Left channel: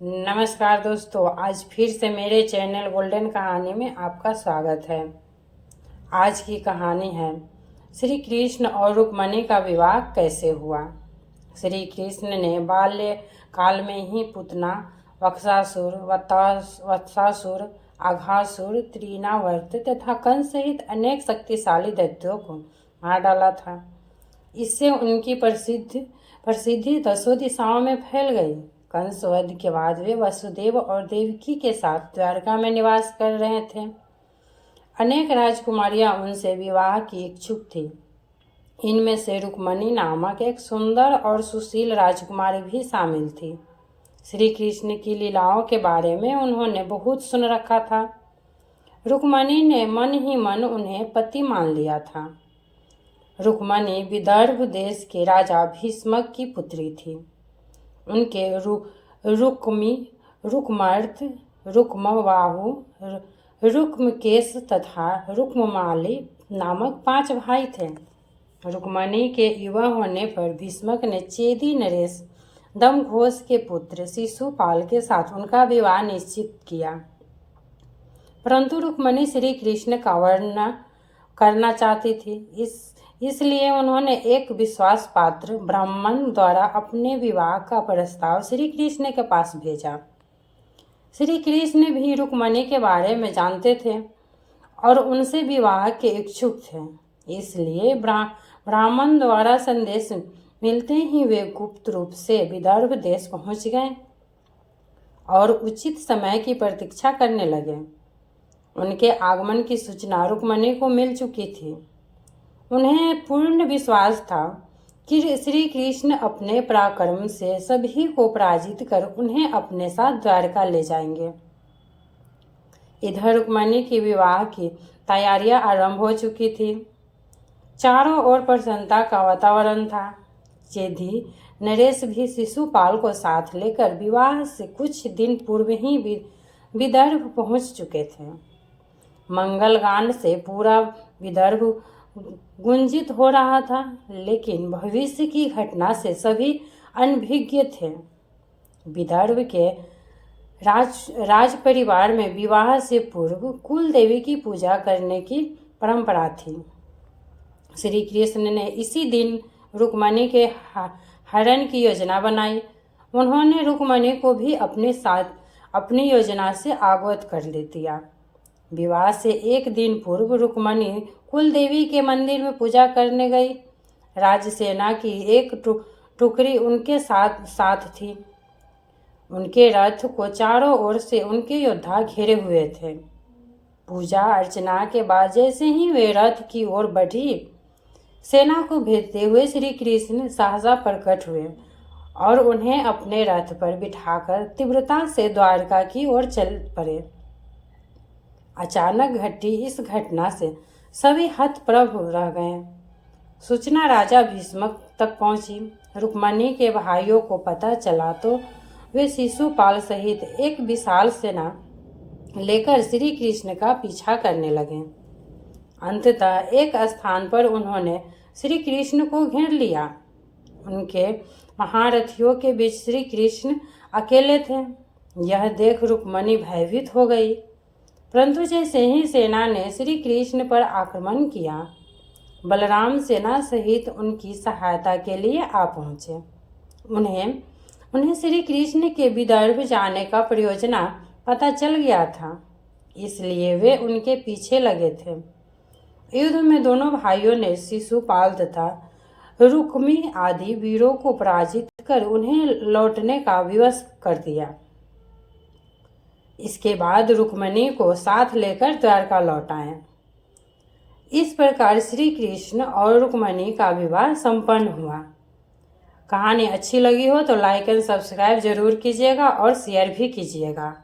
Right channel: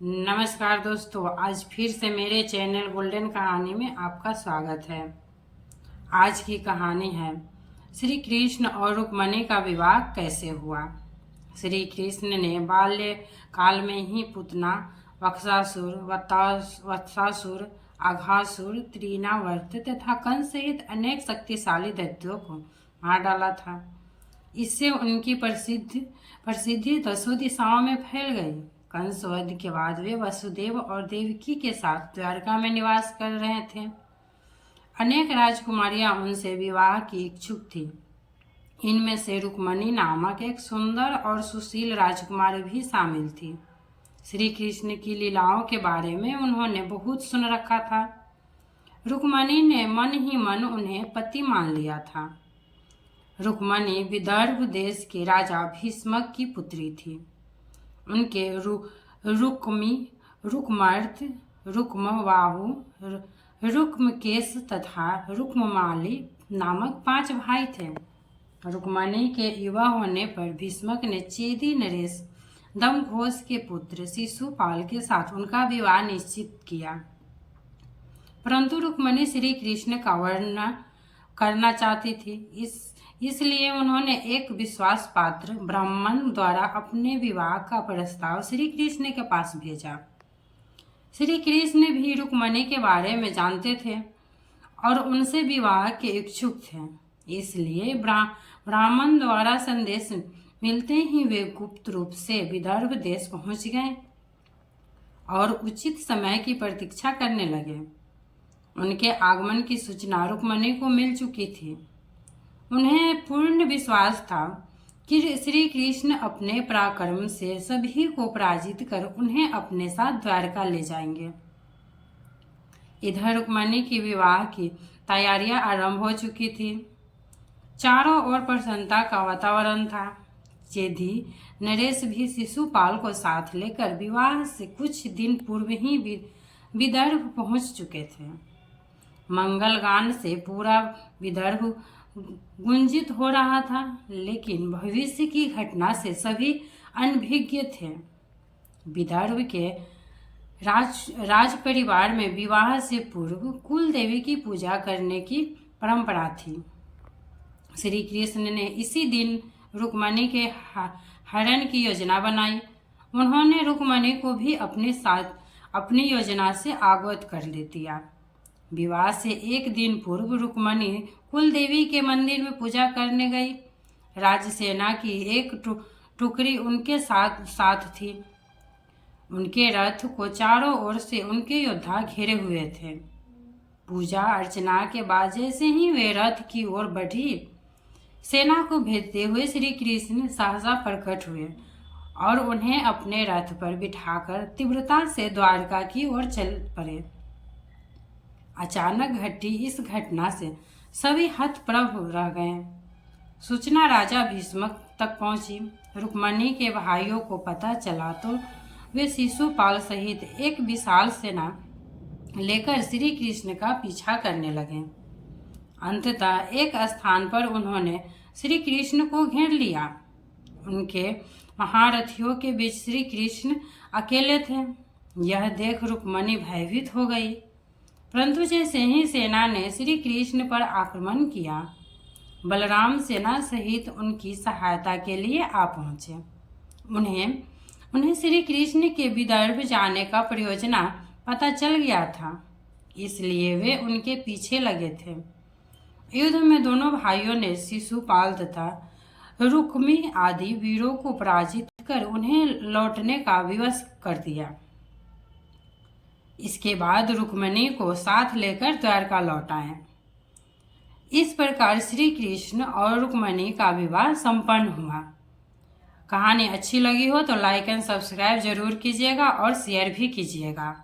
नमस्कार दोस्तों, आज फिर से मेरे चैनल गोल्डन कहानी में आपका स्वागत है। आज की कहानी है श्री कृष्ण और रुक्मणी का विवाह कैसे हुआ। श्री कृष्ण ने बाल्य काल में ही पुतना वत्सासुर, वत्सासुर, अघासुर, त्रिनावर्त तथा कंस सहित अनेक शक्तिशाली दैत्यों को मार डाला था। इससे उनकी प्रसिद्धि दसों दिशाओं में फैल गई। कंस वध के बाद वे वसुदेव और देवकी के साथ द्वारका में निवास कर रहे थे। अनेक राजकुमारियां उनसे विवाह की इच्छुक थी। इनमें से रुक्मणी नामक एक सुंदर और सुशील राजकुमारी भी शामिल थी। श्री कृष्ण की लीलाओं के बारे में उन्होंने बहुत सुन रखा था। रुक्मणी ने मन ही मन उन्हें पति मान लिया था। रुक्मणी विदर्भ देश के राजा भीष्मक की पुत्री थी। उनके रुक्मी, रुक्मर्त, रुक्मबाहु, रुक्मकेश तथा रुक्ममाली नामक 5 भाई थे। रुक्मणी के युवा होने पर भीष्मक ने चेदी नरेश दमघोष के पुत्र शिशुपाल के साथ उनका विवाह निश्चित किया। परंतु रुक्मणी श्री कृष्ण का वर्ण करना चाहती थी। इसलिए उन्होंने एक विश्वास पात्र ब्राह्मण द्वारा अपने विवाह का प्रस्ताव श्री कृष्ण के पास भेजा। श्री कृष्ण भी रुक्मणी के बारे में जानते थे और उनसे विवाह के इच्छुक थे। इसलिए ब्राह्मण द्वारा संदेश मिलते ही वे गुप्त रूप से विदर्भ देश पहुंच गए और उचित समय की प्रतीक्षा करने लगे। उनके आगमन की सूचना रुक्मणी को मिल चुकी थी। उन्हें पूर्ण विश्वास था कि श्री कृष्ण अपने पराक्रम से सभी को पराजित कर उन्हें अपने साथ द्वारका ले जाएंगे। इधर रुक्मणी की विवाह की तैयारियां आरंभ हो चुकी थी। चारों ओर प्रसन्नता का वातावरण था। चेदी नरेश भी शिशुपाल को साथ लेकर विवाह से कुछ दिन पूर्व ही विदर्भ पहुंच चुके थे। मंगलगान से पूरा विदर्भ गुंजित हो रहा था, लेकिन भविष्य की घटना से सभी अनभिज्ञ थे। विदर्भ के राज परिवार में विवाह से पूर्व कुल देवी की पूजा करने की परंपरा थी। श्री कृष्ण ने इसी दिन रुक्मणी के हरण की योजना बनाई। उन्होंने रुक्मणी को भी अपने साथ अपनी योजना से अवगत कर दिया। विवाह से एक दिन पूर्व रुक्मणी कुल देवी के मंदिर में पूजा करने गई। राजसेना की एक टुकड़ी उनके साथ थी। उनके रथ को चारों ओर से उनके योद्धा घेरे हुए थे। पूजा अर्चना के बाद जैसे ही वे रथ की ओर बढ़ी, सेना को भेजते हुए श्री कृष्ण सहसा प्रकट हुए और उन्हें अपने रथ पर बिठाकर तीव्रता से द्वारका की ओर चल पड़े। अचानक घटी इस घटना से सभी हतप्रभ रह गए। सूचना राजा भीष्मक तक पहुंची। रुक्मणी के भाइयों को पता चला तो वे शिशुपाल सहित एक विशाल सेना लेकर श्री कृष्ण का पीछा करने लगे। अंततः एक स्थान पर उन्होंने श्री कृष्ण को घेर लिया। उनके महारथियों के बीच श्री कृष्ण अकेले थे। यह देख रुक्मणी भयभीत हो गई। परंतु जैसे ही सेना ने श्री कृष्ण पर आक्रमण किया, बलराम सेना सहित उनकी सहायता के लिए आ पहुंचे। उन्हें श्री कृष्ण के विदर्भ जाने का प्रयोजना पता चल गया था, इसलिए वे उनके पीछे लगे थे। युद्ध में दोनों भाइयों ने शिशुपाल तथा रुक्मी आदि वीरों को पराजित कर उन्हें लौटने का विवश कर दिया। इसके बाद रुक्मणी को साथ लेकर द्वारका लौट आए। इस प्रकार श्री कृष्ण और रुक्मणी का विवाह संपन्न हुआ। कहानी अच्छी लगी हो तो लाइक एंड सब्सक्राइब जरूर कीजिएगा और शेयर भी कीजिएगा।